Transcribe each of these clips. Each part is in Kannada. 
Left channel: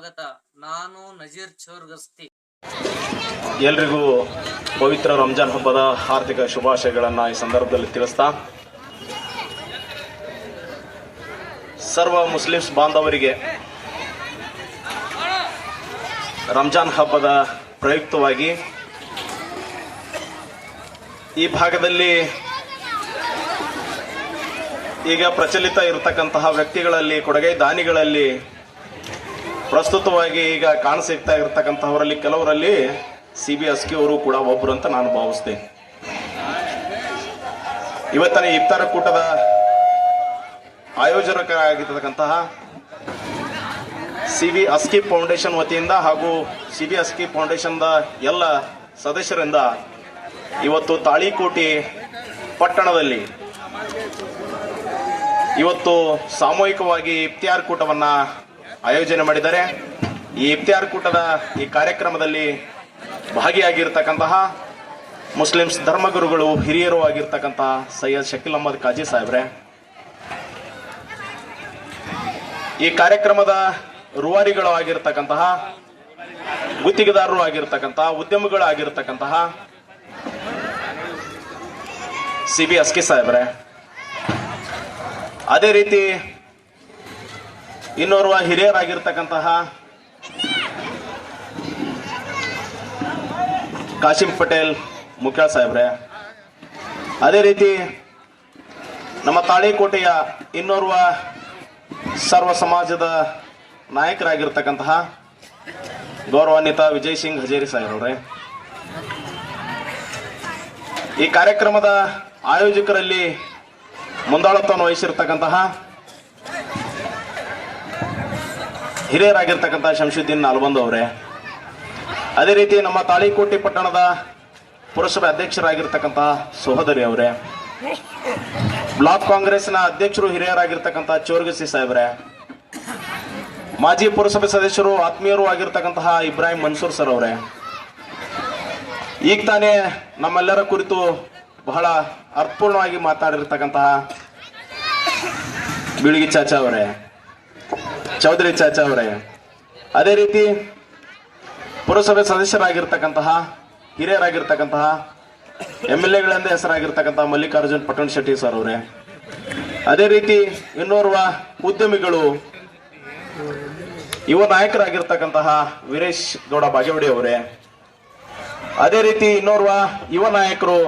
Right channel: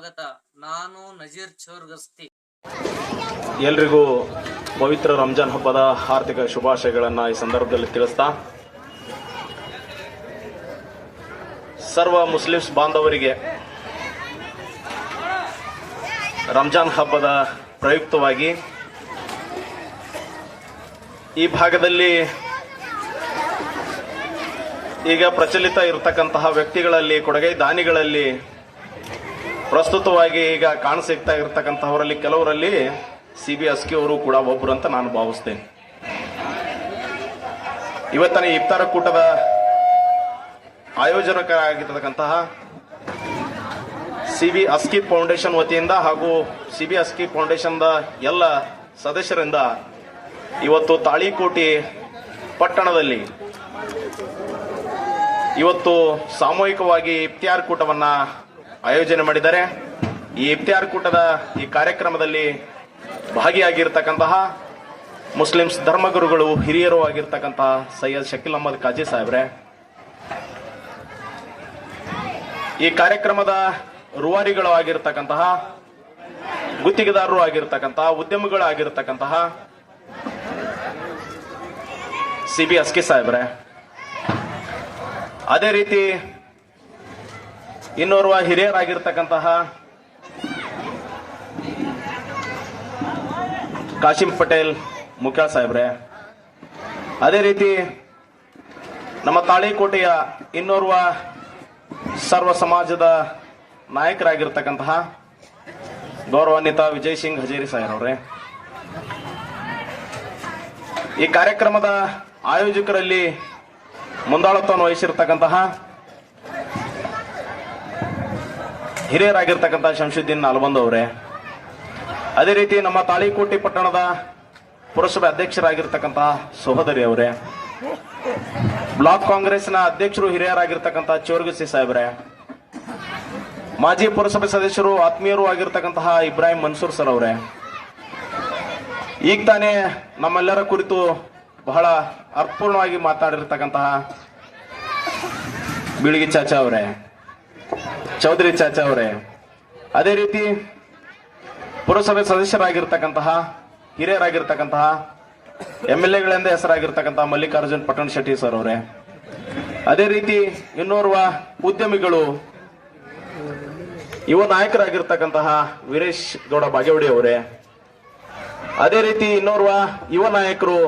ಸ್ವಾಗತ. ನಾನು ನಜೀರ್ ಚೌರ್ಗಸ್ತಿ. ಎಲ್ರಿಗೂ ಪವಿತ್ರ ರಂಜಾನ್ ಹಬ್ಬದ ಆರ್ಥಿಕ ಶುಭಾಶಯಗಳನ್ನು ಈ ಸಂದರ್ಭದಲ್ಲಿ ತಿಳಿಸ್ತಾ, ಸರ್ವ ಮುಸ್ಲಿಮ್ಸ್ ಬಾಂಧವರಿಗೆ ರಂಜಾನ್ ಹಬ್ಬದ ಪ್ರಯುಕ್ತವಾಗಿ ಈ ಭಾಗದಲ್ಲಿ ಈಗ ಪ್ರಚಲಿತ ಇರತಕ್ಕಂತಹ ವ್ಯಕ್ತಿಗಳಲ್ಲಿ, ಕೊಡಗೈ ದಾನಿಗಳಲ್ಲಿ ಪ್ರಸ್ತುತವಾಗಿ ಈಗ ಕಾಣಸಿಗ್ತಾ ಇರತಕ್ಕಂತಹವರಲ್ಲಿ ಕೆಲವರಲ್ಲಿ ಸಿ ಬಿ ಅಸ್ಕಿ ಅವರು ಕೂಡ ಒಬ್ಬರು ಅಂತ ನಾನು ಭಾವಿಸ್ತೇನೆ. ಇವತ್ತಿನ ಇಫ್ತಾರ ಕೂಟದ ಆಯೋಜಕರಾಗಿರ್ತಕ್ಕಂತಹ ಸಿ ಬಿ ಅಸ್ಕಿ ಫೌಂಡೇಶನ್ ವತಿಯಿಂದ ಹಾಗೂ ಸಿ ಬಿ ಅಸ್ಕಿ ಫೌಂಡೇಶನ್ದ ಎಲ್ಲ ಸದಸ್ಯರಿಂದ ಇವತ್ತು ತಾಳಿಕೋಟೆ ಪಟ್ಟಣದಲ್ಲಿ ಇವತ್ತು ಸಾಮೂಹಿಕವಾಗಿ ಇಫ್ತಿಯಾರ್ ಕೂಟವನ್ನ ಆಯೋಜನೆ ಮಾಡಿದ್ದಾರೆ. ಈ ಇಫ್ತಿಯಾರ್ ಕೂಟದ ಈ ಕಾರ್ಯಕ್ರಮದಲ್ಲಿ ಭಾಗಿಯಾಗಿರ್ತಕ್ಕಂತಹ ಮುಸ್ಲಿಮ್ಸ್ ಧರ್ಮಗುರುಗಳು, ಹಿರಿಯರು ಆಗಿರ್ತಕ್ಕಂತಹ ಸೈಯದ್ ಶಕೀಲ್ ಅಹಮದ್ ಕಾಜಿ ಸಾಹೇಬ್ರೆ. ಈ ಕಾರ್ಯಕ್ರಮದ ರೂವಾರಿಗಳು ಆಗಿರ್ತಕ್ಕಂತಹ, ಗುತ್ತಿಗೆದಾರರು ಆಗಿರ್ತಕ್ಕಂತಹ, ಉದ್ಯಮಗಳು ಆಗಿರ್ತಕ್ಕಂತಹ ಸಿ ಬಿ ಅಸ್ಕಿ ಸಾಹೇಬ್ರೆ. ಅದೇ ರೀತಿ ಇನ್ನೋರ್ವ ಹಿರಿಯರಾಗಿರ್ತಕ್ಕಂತಹ ಕಾಶಿಂ ಪಟೇಲ್ ಮುಖ್ಯ ಸಾಹೇಬ್ರೆ. ಅದೇ ರೀತಿ ನಮ್ಮ ತಾಳಿಕೋಟೆಯ ಇನ್ನೋರ್ವ ಸರ್ವ ಸಮಾಜದ ನಾಯಕರಾಗಿರ್ತಕ್ಕಂತಹ ಗೌರವಾನ್ವಿತ ವಿಜಯ್ ಸಿಂಗ್ ಹಜೇರಿ ಸಾಹೇಬ್ರೆ. ಈ ಕಾರ್ಯಕ್ರಮದ ಆಯೋಜಕರಲ್ಲಿ ಮುಂದಾಳತ್ವವನ್ನು ವಹಿಸಿರ್ತಕ್ಕಂತಹ ಹಿರಿಯರಾಗಿರ್ತಕ್ಕಂತಹ ಶಂಶುದ್ದೀನ್ ನಲ್ಬಂದು ಅವರೇ, ಅದೇ ರೀತಿ ನಮ್ಮ ತಾಳಿಕೋಟೆ ಪಟ್ಟಣದ ಪುರಸಭೆ ಅಧ್ಯಕ್ಷರಾಗಿರ್ತಕ್ಕಂಥ ಸಹೋದರಿ ಅವರೇ, ಬ್ಲಾಕ್ ಕಾಂಗ್ರೆಸ್ನ ಅಧ್ಯಕ್ಷರು ಹಿರಿಯರಾಗಿರ್ತಕ್ಕಂಥ ಚೋರ್ಗಸಿ ಸಾಹೇಬ್ರೆ, ಮಾಜಿ ಪುರಸಭೆ ಸದಸ್ಯರು ಆತ್ಮೀಯರು ಆಗಿರ್ತಕ್ಕಂತಹ ಇಬ್ರಾಹಿಂ ಮನ್ಸೂರ್ ಸರ್ ಅವರೇ. ಈಗ ತಾನೇ ನಮ್ಮೆಲ್ಲರ ಕುರಿತು ಬಹಳ ಅರ್ಥಪೂರ್ಣವಾಗಿ ಮಾತಾಡಿರ್ತಕ್ಕಂತಹ ಬಿಳಿಗಿ ಚಾಚಾ ಅವರೇ. ಚೌಧರಿ ಚಾಚಾ ಅವರೇ, ಅದೇ ರೀತಿ ಪುರಸಭೆ ಸದಸ್ಯರಾಗಿರ್ತಕ್ಕಂತಹ, ಹಿರಿಯರಾಗಿರ್ತಕ್ಕಂತಹ ಎಂ ಎಲ್ ಎಗಳಿಂದ ಹೆಸರಾಗಿರ್ತಕ್ಕಂತಹ ಮಲ್ಲಿಕಾರ್ಜುನ್ ಪಟ್ಟಣ ಶೆಟ್ಟಿ ಸರ್ ಅವರೇ, ಅದೇ ರೀತಿ ಇನ್ನೋರ್ವ ಉದ್ಯಮಿಗಳು, ಯುವ ನಾಯಕರಾಗಿರ್ತಕ್ಕಂತಹ ವೀರೇಶ್ ಗೌಡ ಬಾಗೇವಾಡಿ ಅವರೇ, ಅದೇ ರೀತಿ ಇನ್ನೋರ್ವ ಯುವ ನಾಯಕರು,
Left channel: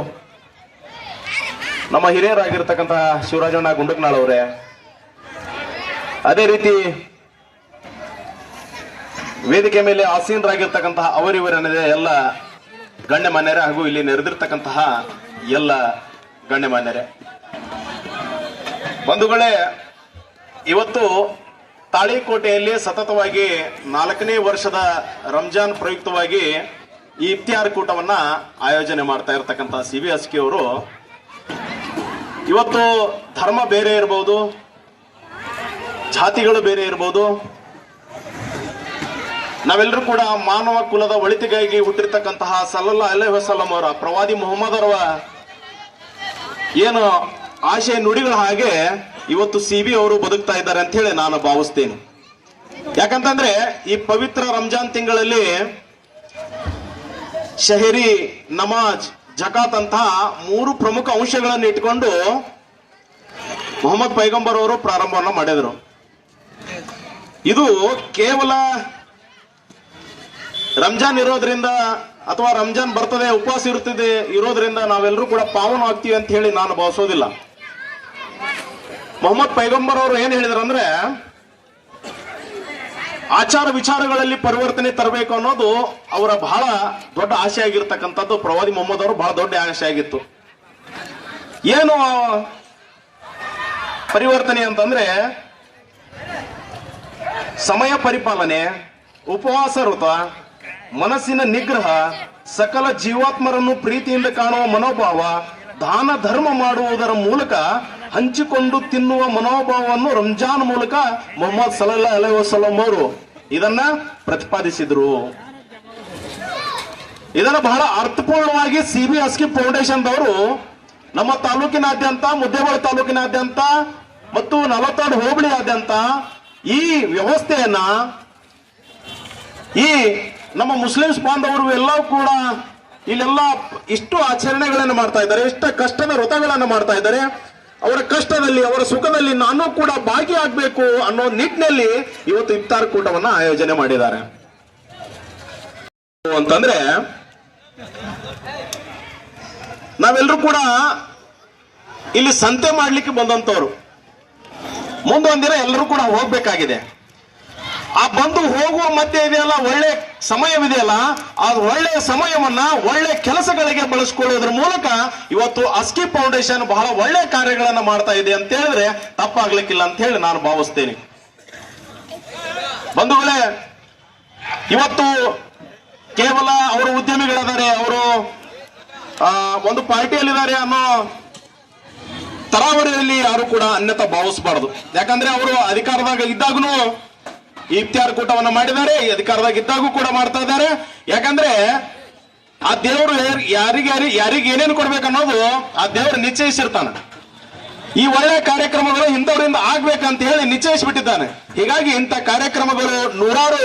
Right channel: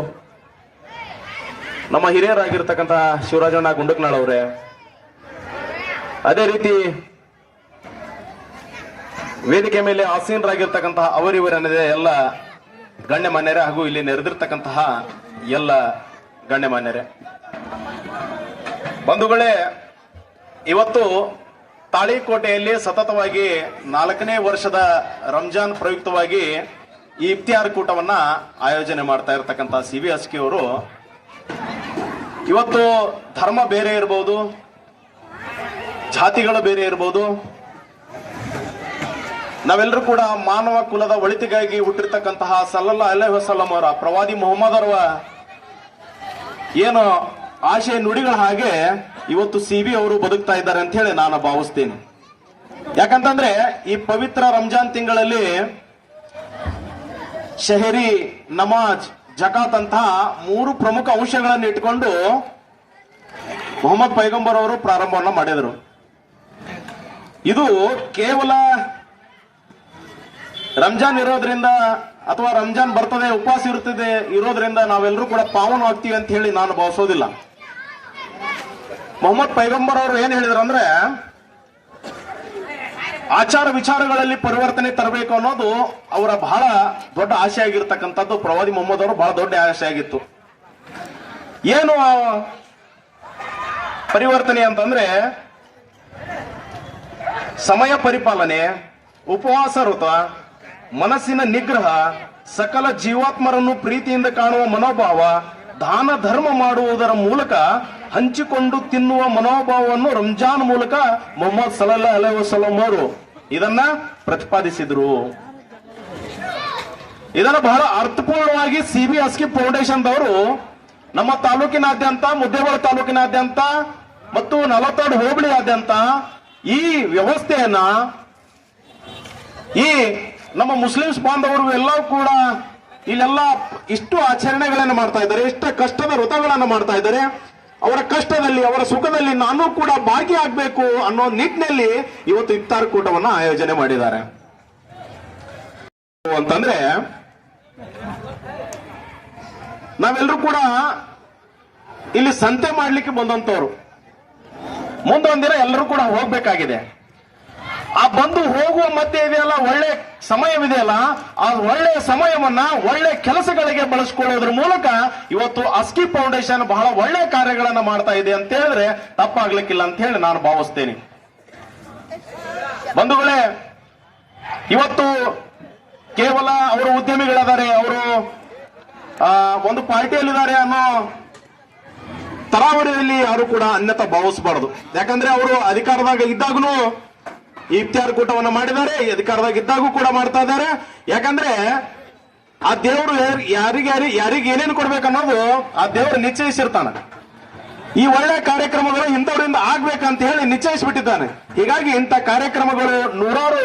ನಮ್ಮ ಹಿರಿಯರಾಗಿರ್ತಕ್ಕಂತಹ ಶಿವರಾಜಣ್ಣ ಗುಂಡಕ್ನಾಳ್ ಅವರೇ, ಅದೇ ರೀತಿ ವೇದಿಕೆ ಮೇಲೆ ಆಸೀನರಾಗಿರ್ತಕ್ಕಂತಹ ಅವರಿವರನ್ನದೇ ಎಲ್ಲ ಗಣ್ಯಮಾನ್ಯರೇ ಹಾಗೂ ಇಲ್ಲಿ ನೆರೆದಿರ್ತಕ್ಕಂತಹ ಎಲ್ಲ ಗಣ್ಯಮಾನ್ಯರೇ ಬಂಧುಗಳೇ, ಇವತ್ತು ತಾಳಿಕೋಟೆಯಲ್ಲಿ ಸತತವಾಗಿ ನಾಲ್ಕನೇ ವರ್ಷದ ರಂಜಾನ್ ಪ್ರಯುಕ್ತವಾಗಿ ಈ ಇಫ್ತಿಯಾರ್ ಕೂಟವನ್ನ ಆಯೋಜನೆ ಮಾಡ್ತಾ ಇರತಕ್ಕಂತಹ ಸಿ ಬಿ ಅಸ್ಕಿ ಅವರು. ಇವತ್ತು ಧರ್ಮ ಬೇರೆ ಇರಬಹುದು ಜಾತಿಗಳು ಬೇರೆ ಇರಬಹುದು ನಾವೆಲ್ಲರೂ ಕೂಡ ಮಾನವ ಕುಲದ ಒಳಿತಿಗಾಗಿ ಹುಟ್ಟಿರ್ತಕ್ಕಂತಹ ಸಲ್ಲಲ್ಲ ಅಲ್ಲೇ ವಸಲಂ ಅವರ ಪ್ರವಾದಿ ಮೊಹಮ್ಮದ್ ಅವರ ಏನು ಆಶಯ ನುಡಿಗಳ ಹಾಗೆ ಇವತ್ತು ಸಿ ಬಿ ಅವರು ಬದುಕ್ತಾ ಇದ್ದಾರೆ ಅಂತ ಹೇಳಿ ನಾನು ಭಾವಿಸ್ತೇನೆ. ಯಾಕಂತಂದ್ರೆ ಈ ಪವಿತ್ರ ರಂಜಾನ್ ತಿಂಗಳಲ್ಲಿ ಶಹರಿ, ನಮಾಜ್, ಜಕಾತ್ ಅಂತಹ ಮೂರು ಪ್ರಮುಖ ಅಂಶಗಳನ್ನು ಇಟ್ಕೊಂಡು ಮೊಹಮ್ಮದ್ ಪೈಗಂಬರ್ ಅವರು ಪ್ರಾರಂಭವನ್ನ ಮಾಡಿದರು. ಇದು ಕೇವಲ ರಂಜಾನ್ ಇರೋದ್ರಿಂದ ಅಥವಾ ರಂಜಾನ್ ಬರ್ತದೆ, ಉಪವಾಸ ಇರುತ್ತದೆ ಇರೋದ್ರಿಂದ ನಾವೆಲ್ಲರೂ ಕೂಡ ಪಾವನ ಆಗ್ತೀವಿ ಅಂತ ಹೇಳಿ ನಾನು ಭಾವಿಸೋದಿಲ್ಲ. ಮೊಹಮ್ಮದ್ ಪೈಗಂಬರ್ ಅವರು ಏನ್ ಹೇಳಿದ್ರಂದ್ರೆ, ಆಚಾರ ವಿಚಾರಗಳಲ್ಲಿ ಪರಿವರ್ತನೆ ತರಬೇಕು ಅನ್ನೋದು ಅವರ ಬಹಳ ದೊಡ್ಡ ಆಸೆ ಆಗಿರ್ತಕ್ಕಂಥದ್ದು. ಪ್ರವಾದಿ ಮೊಹಮ್ಮದ್ ಅವರು ಬಹಳ ದೊಡ್ಡ ಆಸೆ ಆಗಿತ್ತು. ಏನು ಪರಿವರ್ತನೆ ಅಂತಂದ್ರೆ, ಸಮಯ ಪರಿಪಾಲನೆ, ಉಪವಾಸ ವೃತ ಮನಸ್ಸಿನ ನಿಗ್ರಹ, ಸಕಲ ಜೀವಾತ್ಮರನ್ನು ಪ್ರೀತಿಯಿಂದ ಕಾಣುವ ಮನೋಭಾವ, ದಾನ ಧರ್ಮ ಮಾಡುವುದರ ಮೂಲಕ ಹಂಚಿಕೊಂಡು ತಿನ್ನುವ ಮನೋಭಾವವನ್ನು ರಂಜಾನ್ ಮೂಲಕ ಮೊಹಮ್ಮದ್ ಸಲಲ್ಲಾ ಅಲೈ ವಸಲಂ ಅವರು ಇದನ್ನ ಪ್ರತಿಪಾದಿಸಿದ್ರು. ಇದನ್ನ ಬಹಳ ಅರ್ಥಪೂರ್ಣವಾಗಿ ಸಿಬಿಎಸ್ಕಿ ಫೌಂಡೇಶನ್ ದವರು ನಮ್ಮ ತಾಲೂಕಿನಾದ್ಯಂತ, ಮುದ್ದೇಬೇಳ ತಾಲೂಕಿನಾದ್ಯಂತ ಮತ್ತು ನಲವತ್ತೆರಡು ಹೋಬಳಿಯಾದ್ಯಂತ ಈ ವ್ಯವಸ್ಥೆಯನ್ನ ಈ ನಮ್ಮ ಮುಸ್ಲಿಮ್ಸ್ ಬಾಂಧವರು ಎಲ್ಲವೂ ಕೂಡ ಇಲ್ಲೆಲ್ಲ ಇಷ್ಟು ಆಚರಣೆಗಳನ್ನು ಮಾಡ್ತಾ ಇದ್ದಾರೆ, ಇಷ್ಟ ಕಷ್ಟದ ವ್ರತಗಳನ್ನು ಮಾಡ್ತಾ ಇದ್ದಾರೆ. ಅವರ ಕಷ್ಟದಲ್ಲಿ, ಅವರ ಸುಖದಲ್ಲಿ ನಾನು ಕೂಡ ಭಾಗಿಯಾಗಬೇಕು ಅನ್ನೋ ನಿಟ್ಟಿನಲ್ಲಿ ಇವತ್ತು ಇಫ್ತಾರ್ ಕೂಟವನ್ನು ಆಯೋಜನೆ ಮಾಡಿದ್ದಾರೆ. ಅಂತಂದ್ರೆ ನಾವೆಲ್ಲರೂ ಕೂಡ ಇಲ್ಲಿ ಸಂತೆ ಮಾಡ್ಲಿಕ್ಕೆ ಬಂದಂತವ್ರು ಮುಂದೊಂದಿನ ಎಲ್ಲರೂ ಕೂಡ ಹೋಗ್ಬೇಕಾಗಿದೆ. ಆ ಬಂದು ಹೋಗುವ ಮಧ್ಯೆ ಇದೆಯಲ್ಲ, ಒಳ್ಳೆ ಸಮಯವಿದೆಯಲ್ಲ, ಆ ಒಳ್ಳೆಯ ಸಮಯವನ್ನ ಒಳ್ಳೆ ಕೆಲಸಗಳಿಗೆ ಬಳಸ್ಕೊಳ್ಳೋದ್ರ ಮೂಲಕ ಇವತ್ತು ಅಸ್ಕಿ ಫೌಂಡೇಶನ್ ಬಹಳ ಒಳ್ಳೆ ಕಾರ್ಯಗಳನ್ನ ಮಾಡ್ತಾ ಇದೆ ಅಂತ ಹೇಳಿದ್ರೆ ತಪ್ಪಾಗ್ಲಿಕ್ಕಿಲ್ಲ ಅಂತ ಹೇಳಿ ನಾನು ಭಾವಿಸ್ತೇನೆ. ಬಂಧುಗಳೇ, ಇವತ್ತು ಕೇವಲ ಅವರು ಉದ್ಯಮಿಗಳಾದರೆ, ಅವರು ಒಂದು ಪಾರ್ಟಿಯಲ್ಲಿದ್ದಾರೆ ಅನ್ನೋ ತರಾವರಿಯಲ್ಲಿ ಯಾರು ಕೂಡ ಅನ್ಯತಾ ಭಾವಿಸಬಾರದು. ಯಾಕಂದ್ರೆ ಅವರು ಅಧಿಕಾರದಾಗ ಇದ್ದಾಗಲೂ ಇಫ್ತಿಯಾರ್ ಕೂಟವನ್ನು ಮಾಡಿದ್ದಾರೆ, ಈ ಅಧಿಕಾರದಾಗ ಇದ್ದಾಗೂ ಕೂಡ ಮಾಡ್ತಾ ಇದ್ದಾರೆ. ಯಾಕಂದ್ರೆ ಆ ದೇವರು ಯಾರಿಗೆ ಯಾರಿಗೆ ಏನೇನು ಕೊಡ್ಬೇಕು ಅನ್ನೋದು ಆ ದೇವರು ನಿಶ್ಚಯಿಸಿರ್ತಾನ. ಈ ಒಳ್ಳೆ ಕಾರ್ಯಕ್ರಮಗಳು ಇಂಥವರಿಂದ ಆಗ್ಬೇಕಂತ ಹೇಳಿ ನಿಶ್ಚಯಿಸಿಬಿಟ್ಟಿದ್ದಾನೆ. ಹೀಗಾಗಿ ಇಂಥ ಕಾರ್ಯಕ್ರಮಗಳು ನೂರಾರು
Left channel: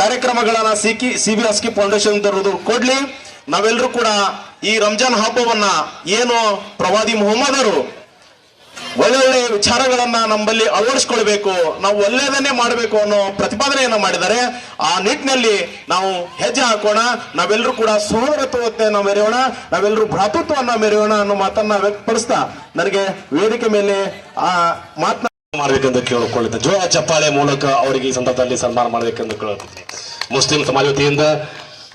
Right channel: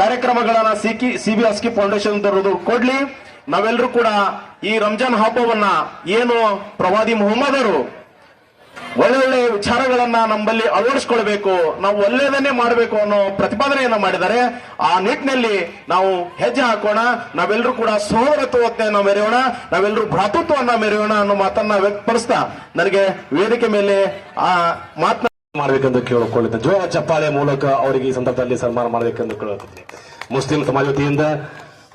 ಕಾರ್ಯಕ್ರಮಗಳನ್ನ ಸಿಕ್ಕಿ ಸಿ ಬಿ ಅಸ್ಕಿ ಫೌಂಡೇಶನ್ ಕೊಡ್ಲಿ. ನಾವೆಲ್ಲರೂ ಕೂಡ ಈ ರಂಜಾನ್ ಹಬ್ಬವನ್ನ ಏನು ಪ್ರವಾದಿ ಮೊಹಮ್ಮದರು ಒಳ್ಳೊಳ್ಳೆ ವಿಚಾರಗಳನ್ನ ನಮ್ಮಲ್ಲಿ ಅಳವಡಿಸ್ಕೊಳ್ಬೇಕು. ನಾವು ಒಳ್ಳೆಯದನ್ನೇ ಮಾಡಬೇಕು ಅನ್ನೋ ಪ್ರತಿಪಾದನೆಯನ್ನು ಮಾಡಿದ್ದಾರೆ. ಆ ನಿಟ್ಟಿನಲ್ಲಿ ನಾವು ಹೆಜ್ಜೆ ಹಾಕೋಣ. ನಾವೆಲ್ಲರೂ ಕೂಡ ಸಹೋದರತ್ವತೆಯನ್ನ ಮೆರೆಯೋಣ. ನಾವೆಲ್ಲರೂ ಭ್ರಾತೃತ್ವವನ್ನ ಮೆರೆಯೋಣ ಅನ್ನೋ ಮಾತನ್ನ ವ್ಯಕ್ತಪಡಿಸ್ತಾ ನನಗೆ ವೇದಿಕೆ ಮೇಲೆ ಆ ಮಾತನ್ನ ಮಾಡಬೇಕೆಂದು ಕೇಳಿಕೊಳ್ಳುತ್ತೆ. ಜೋರ ಚಪ್ಪಾಳೆ ಮೂಲಕ ಅವರಿಗೆ ಈ ಸಂದರ್ಭದಲ್ಲಿ ಸನ್ಮಾನ ಮಾಡಬೇಕೆಂದು ಕೇಳುತ್ತೆ ಮುಸ್ಲಿಂ ಸಮಾಜ ವತಿಯಿಂದ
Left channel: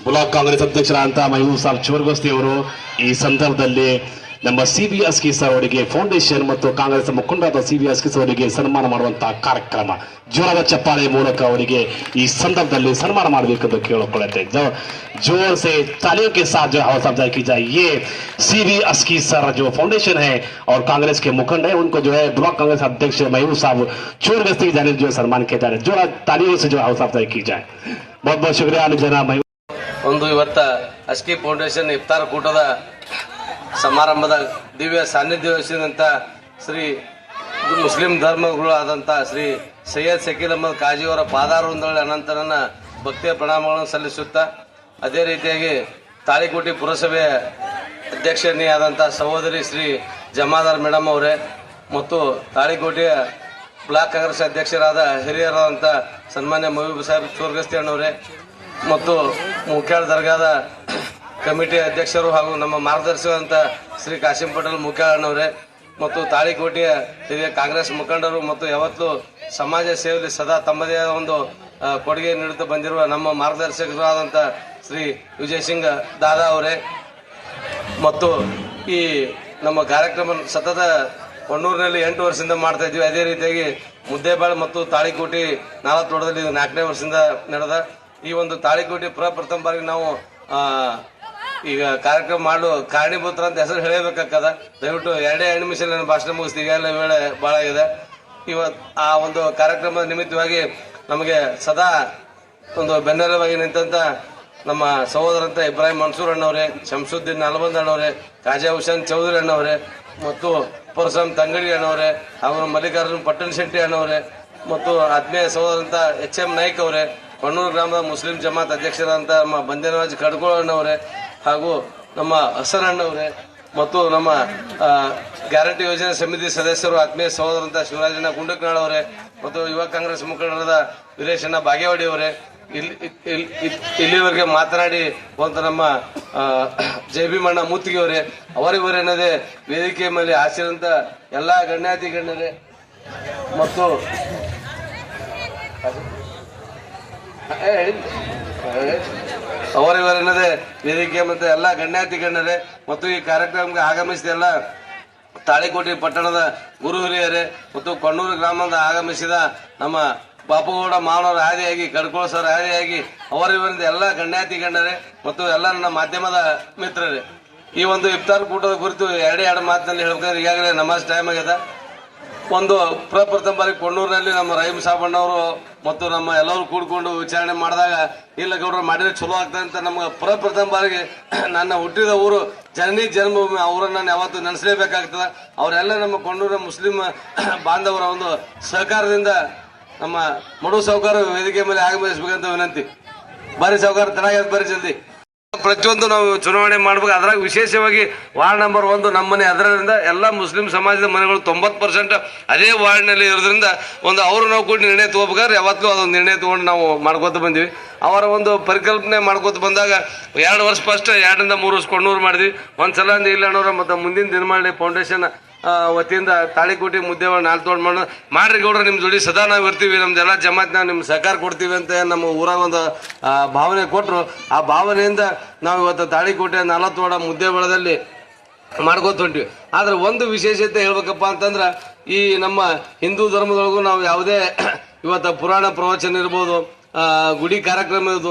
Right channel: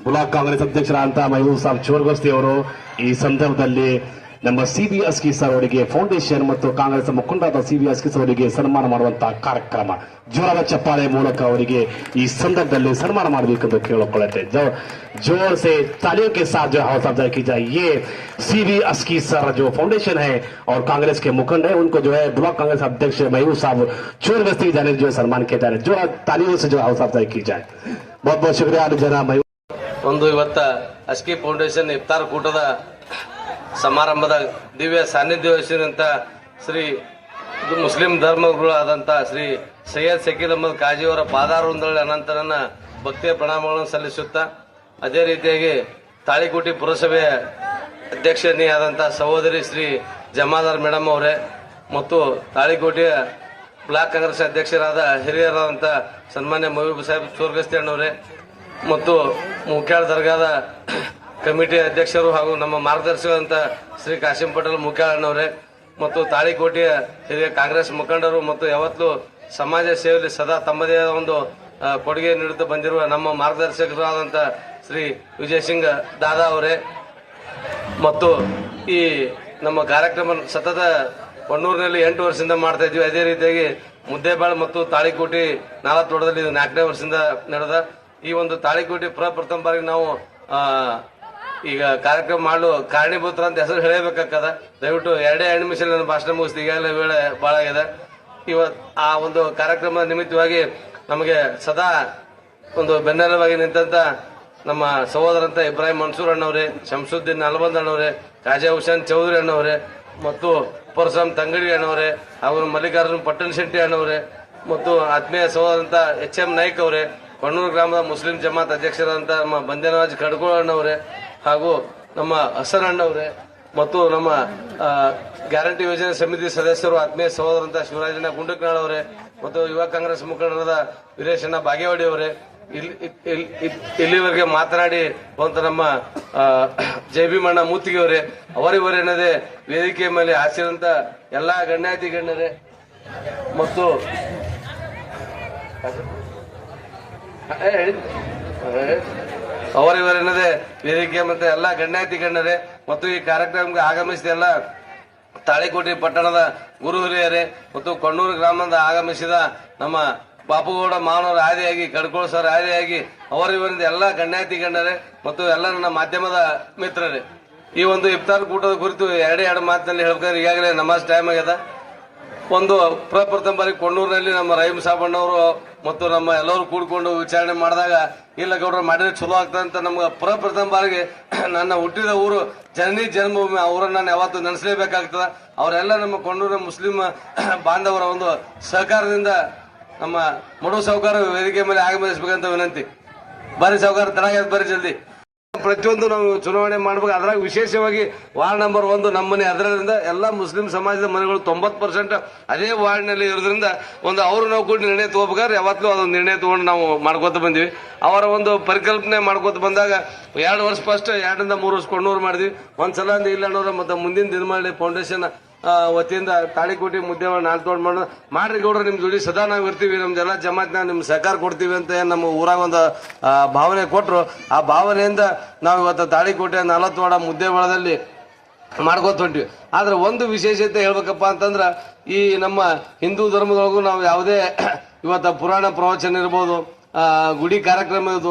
ಬ್ಲಾಕ್ ಕಾಂಗ್ರೆಸ್ ಅಧ್ಯಕ್ಷರಾದಂತಹ ಮಹಬೂಬ್ ಸಾಬ್ ಚೋರ್ಗೋಸ್ತಿ ಅವರು ಈ ಸಂದರ್ಭದಲ್ಲಿ ನಮ್ಮ ಸಿ ಬಿ ಅಸ್ಕಿ ಸರ್ ಅವರಿಗೆ ಫೌಂಡೇಶನ್ ಮತ್ತು ಕಾಂಗ್ರೆಸ್ ಮುಖಂಡರಾದ ಸಿ ಬಿ ಅಸ್ಕಿ ಸರ್ ಅವರಿಗೆ ಸನ್ಮಾನ ಮಾಡುವಂತಹ ಕಾರ್ಯಕ್ರಮ ಜೋರದ ಚಪ್ಪಾಳೆ ಮೂಲಕ ಅವರಿಗೆ ಈ ಸಂದರ್ಭದಲ್ಲಿ ಸನ್ಮಾನ ಮಾಡಬೇಕೆಂದು ಕೇಳಿಕೊಳ್ಳುತ್ತೆ जो जोर से तालियों के साथ जो हौसला अफजाई की जाए ये सी बी अस्की सर जो फाउंडेशन है और कांग्रेस के मुखंड है उनको जो है ब्लॉक कांग्रेस अध्यक्ष महबूब साहब चोर गस्ती जाने जो है सम्मान किया जा रहा है जो तालियों से जो हौसला अफजाई की जाए बहुत बहुत शुक्रिया जना महबूब ಒಂದು ಇವತ್ತ ಅಸ್ಕಿ ಫೌಂಡೇಶನ್ ಇಫ್ತಾರ್ ಕೂಟದ ಸಮಾರಂಭದ ದಿವ್ಯ ಸಾನ್ನಿಧ್ಯ ವಹಿಸಿದಂಥ ಶ್ರೀ ಮುಸ್ಲಿಂ ಧರ್ಮಗುರುಗಳಾದಂಥ ಶ್ರೀ ಸೈಯದ್ ಶಕೀಲ್ ಅಹಮದ್ ಕಾಜಿಯವರ ಪಾದಾರೊಂದಳ ಅನಂತರನ ಭಕ್ತಿಯ ಪ್ರಣಾಮಗಳನ್ನು ಸಲ್ಲಿಸುತ್ತಾ, ಅದೇ ರೀತಿಯಾಗಿ ತಾಳಿಕೋಟಿ ಪುರಸಭೆಯ ಅಧ್ಯಕ್ಷನಿಯಾದಂಥ ಸಹೋದರಿ ಶ್ರೀ ಜಮಾದಾರ್ ಮೇಡಮ್ ಅವರೇ ಮತ್ತು ತಾಳಿಕೋಟೆಯ ಬ್ಲಾಕ್ ಕಾಂಗ್ರೆಸ್ ಅಧ್ಯಕ್ಷರಾದ ಹಿರಿಯರಾದಂಥ ಸನ್ಮಾನ್ಯ ಮಹಬೂಬ್ ಸಾಹೇಬ್ ಚೋರ್ಗಸ್ತಿ ಅಣ್ಣವರೇ ಮತ್ತು ಮುಖ್ಯಾಳ ದರ್ಗಾದ ಕಮಿಟಿ ಅಧ್ಯಕ್ಷರು ಹಾಗೂ ನಮ್ಮ ಮಾರ್ಗದರ್ಶಿಯಾದಂಥ ಶ್ರೀ ಕಾಶಿಂ ಪಟೇಲ್ ಮುಖ್ಯಾಳನವರೇ ಮತ್ತು ತಾಳಿಕೋಟೆಯ ಹಿರಿಯ ಕಾಂಗ್ರೆಸ್ ಮುಖಂಡರು ಮತ್ತು ಯಾವತ್ತೂ ಸಮಾಜ ಸೇವೆಯಲ್ಲಿ ಸದಾ ತಮ್ಮದೇ ಒಂದು ಕೊಡುಗೆ ನೀಡುತ್ತಾ ಬಂದಿರುವ ನಮ್ಮ ಮಾರ್ಗದರ್ಶಕರಾದಂಥ ಶ್ರೀ ವಿಜಯ್ ಸಿಂಗ್ ದಾದಾ ಅವರೇ ಮತ್ತು ಈ ನಮ್ಮ ಕಾರ್ಯಕ್ರಮ ಸತತ ಕೊಣ್ಣೂರಿನಲ್ಲಿ ಎಂಟು ವರ್ಷದಿಂದ ಮಾಡ್ತಾ ಇದ್ವಿ ಅದೇ ರೀತಿಯಾಗಿ ಮುದ್ದೇಬಾಳ್ ಮತ್ತು ತಾಳಿಕೋಟಿ ನಾಲ್ಕು ಇದು ನಾಲ್ಕನೇ ವರ್ಷದಿಂದ ನಡೆದ ಈ ಒಂದು ತಾಳಿಕೋಟಿ ಪ್ರಪ್ರಥಮ ಬಾರಿಗೆ ನಾವು ಈಗ ಕಾರ್ಯಕ್ರಮ ಮಾಡಲು ಕಾರಣೀಭೂತರ ಅಂತ ಹೆಸರು ಹೇಳಬೇಕಾಗದ ದಯವಿಟ್ಟು ಎರಡೇ ಎರಡು ನನ್ನ ಭಾಷಣ ಮುಗಿಸ್ತು ಈಗಾಗಲೇ ವೇಳೆ ಭಾಳ ಇದೆ ಇವತ್ತು ಆ ಒಂದು ಕಾರ್ಯಕ್ರಮದ ನಿಮಿತ್ತವಾಗಿ ನಮಗೆ ಸದಾ ಒಂದು ಬೆನ್ನೆಲುಬಾಗಿ ನಿಂತಂತ ನಮ್ಮ ಸಹೋದರಂತ ಇಬ್ರಾಹಿಂ ಮನ್ಸೂರ್ ಅಣ್ಣವರೇ, ಶಂಸುದ್ದೀನ್ ನಲ್ಬಂದ್ ಅಣ್ಣವರೇ ರಾಜಾ ಹುಸೇನ್ ಚೌಧರಿ ಅಣ್ಣವರೇ, ಮತ್ತು ಪರಶುರಾಮ್ ತಂಗಡಿ ಅಣ್ಣವರೇ, ಹಾಗೂ ಮಲ್ಲಿಕಾರ್ಜುನ್ ಪಟ್ಟಣ ಶೆಟ್ಟಿ ಅಣ್ಣವರೇ, ಮತ್ತು ಆತ್ಮೀಯ ಸಹೋದರಂತ ಎಚ್ ಎಂ ನಾಯ್ಕ್ ಅವರೇ ಕೊಣ್ಣೂರು ಗ್ರಾಮದ ಮುಸ್ಲಿಂ ಜಮಾತ್ ಅಧ್ಯಕ್ಷರಾದಂಥ ನಮ್ಮ ಬಂದೇನರಾಜ್ ಕಡ್ಕೋಳ ಅಣ್ಣವರೇ ಹಾಗೂ ನಮ್ಮ ಹಸನ್ ಅಣ್ಣವರೇ ಮತ್ತು ನಮ್ಮ ಗ್ಯಾರಂಟಿ ಯೋಜನೆ ಸಮಿತಿ ಸದಸ್ಯರು ಆತ್ಮೀಯ ಸಹೋದರಂತ ಶಿವರಾಜಣ್ಣ ಗುಂಡಕನಾಳ್ ಅವರೇ ಮತ್ತು ಯುವ ಕಾಂಗ್ರೆಸ್ ಮುಖಂಡರಾದ ವೀರೇಶಣ್ಣ ಬಾಗೇವಾಡಿ ಅವರೇ. ಇಲ್ಲಿ ಇಲ್ಲಿ- ಇಲ್ಲಿ- ಇಲ್ಲಿವರೆಗೆ ಮಾತನಾಡಿ ಬಂತ ನಮ್ಮ ಜೆ ಭೀಮಣ್ಣ ಮೂತಿಗೆ ಅವರೇ. ಅವರಿವರೇನದೇ ವೇದಿಕೆ ಮೇಲೆ ಹಾಸಿರಂತ ಎಲ್ಲಾ ಗಣ್ಯಾತಿ ಗಣ್ಯರೇ. ಮತ್ತು ಅವರಿವರೇನದೇ ವೇದಿಕೆ ಮತ್ತೆ ಎಲ್ಲ ಗಣ್ಯಾತಿ ಗಣ್ಯರೇ. ಮತ್ತು ಈ ಕಾರ್ಯಕ್ರಮಕ್ಕೆ ಆಗಮಿಸಿದ ಎಲ್ಲ. ತಾಳಿಕೋಟೆ ಪಟ್ಟಣದ ಗುರು ಹಿರಿಯರೇ ಮತ್ತು ಕಣ್ಣೂರು ಗ್ರಾಮದಿಂದ ಆಗಮಿಸಿದ ನಮ್ಮ ಬಾಪುಗೌಡ ಮಾವನವರ ಆದಿಯಾಗಿ ಕಡ್ಕೋಳ ಸರ್ ಆದಿಯಾಗಿ ಅವರಿವರಿಂದ ಎಲ್ಲ ಗಣ್ಯಾತಿ ಗಣ್ಯರೇ ಮತ್ತು ಎಲ್ಲ ನನ್ನ ಮಾಧ್ಯಮದ ಮಿತ್ರರೇ. ಈ ಒಂದು ಇಫ್ತಾರ್ ಕೂಟದ ಕುರಿತು ಎರಡೇ ಎರಡು ಮಾತಿನಲ್ಲಿ ಹೇಳ್ಬೇಕಾದ್ರೆ ಈಗಾಗಲೇ ನಮಾಜ್ ಟೈಮ್ ಆಗ್ಯದ ಒಂದು ಪ್ರಪ್ರಥಮ ಬಾರಿ ಕೊಣ್ಣೂರಿನಲ್ಲಿ ನಮ್ಮ ರೈಮ್ ಸಾಬಣ್ಣವರು ಮತ್ತು ನಮ್ಮ ಎಲ್ಲರೂ ಕೂಡ್ಕೊಂಡು ವಿಚಾರಣೆ ಮಾಡಿದಾಗ, ಇಲ್ಲ ಗೌಡ್ರು, ಮಾಡಿದ್ರೆ ಚಲೋ ಆಗ್ತದೆ ಅಂತ ನಮ್ಗೆ ಪ್ರಪ್ರಥಮ ಬಾರಿಗೆ ನನ್ನ ಹುಟ್ಟಿದ ಊರು ಜನನಿ ಜನ್ಮಭೂಮಿ, ಅವರನ್ನು ನಾನು ಯಾವತ್ತೂ ನೆನೆಸಲೇಬೇಕಾಗ್ತದೆ. ಅವರೆಲ್ಲ ನಮ್ಮ ಕೊಣ್ಣೂರ ಮುಸ್ಲಿಂ ಬಾಂಧವರ ಒಂದು ಸಹಕಾರದಿಂದ ನಮ್ಮ ಮಡು ಸಾಹುಕಾರ ವೇದಿಕೆ ಮೇಲೆ ಆಗಮಿಸಬೇಕಂತ ವಿನಂತಿ. ಬಾರಿ ಸಾಹುಕಾರ ತರಾಗ ಬರ್ರಿ ಜಲ್ದಿ. ಪ್ರತಿಯೊಂದು ನಾವು ಚುನಾವಣೆ ಮಾಡಬೇಕು. ಅದ್ರಾಗ ವಿಶೇಷವಾಗಿ ವಾರ್ಡ್ ನಂಬರ್ ಒಂದು ನಮ್ಮನೆ. ಅದರಿಂದ ಎಲ್ಲ ಮುಸ್ಲಿಂ ಸಮಾಜದ ಮನೆಗಳು ತೊಂಬತ್ತು ಪರ್ಸೆಂಟ್ ಅದೇ ವಾರ್ಡ್ನಲ್ಲಿ ಇರೋದ್ರಿಂದ ಒಂದು ಅವರು ನಾವು ಕೂಡ ನಿರ್ಣಯ ತಗೋಬೇಕಾದ್ರೆ ಯಾವತ್ತೂ ಅದೊಂದು ನಿರ್ಣಯ ತೊಗೊಂಡು ನಾವು ಮಾಡ್ಕೋತ ಬಂದಿವಿ. ಅವರ ಒಂದು ಪರಿಕಲ್ಪನೆ ಮಾಡ್ಕೋತ ಬಂದಾಗ ಎರಡು ವರ್ಷ ಫಸ್ಟ್, ಎರಡರಿಂದ ಮೂರು ವರ್ಷ ಕೊಂಡೂರು ಮಾಡಿದ್ವಿ. ಒಂದ್ಸಲ ಸಲ ಇಲ್ಲ ಅನ್ನೋರ ಮತ್ತು ಮುಂದಿನ ದಿನಮಾಳಿ ಫೌಂಡೇಶನ್ ವತಿಯಿಂದ ತಾಳಿಕೋಟಿ ಮುದ್ದೆ ನಾಲ್ಕು ತೋಡ್ ಮಾಡಿ. ಮಾಡ್ರಿ ಗೌಡ್ರ ನಿಮ್ಮ ಜೋಡಿ ಸದಾ ನಾವು ಇರ್ತೀವಿ. ನಮ್ದೆಲ್ಲ ಜಮಾತ್ ನಾವು ನಿಮ್ಮ ಸಹಕಾರ ಕೊಡ್ತೀವಿ ಅಂತ ನಮ್ಮ ಊರಾಗ ಒಂದು ಭಾವನೆ ಕೊಟ್ಟರು ಆ ಭಾವನೆಯಿಂದ ನಾವು ಇವತ್ತು ತಾಳಿಕೋಟೆ ನಾಲ್ಕು ವಾಡ ಮುದ್ದೆ ಬಳದಲ್ಲಿ ಮಾಡ್ಕೋತ ಆದ್ರೆ ಒಂದು ವಿಶೇಷತೆ ಹೇಳ್ಬೇಕಪ್ಪ ಅಂತಂದ್ರೆ, ಈ ನಮ್ಮ ಹಿಂದೂ ಧರ್ಮದೊಳಗೂ ನಾವು ಯಾವುದೇ ಇವತ್ತು ಪುರಾಣ ಪ್ರವಚನ ಇರ್ಬೋದು ಗುಡಿ ಕಾರ್ಯಕ್ರಮ ಇರ್ಬೋದು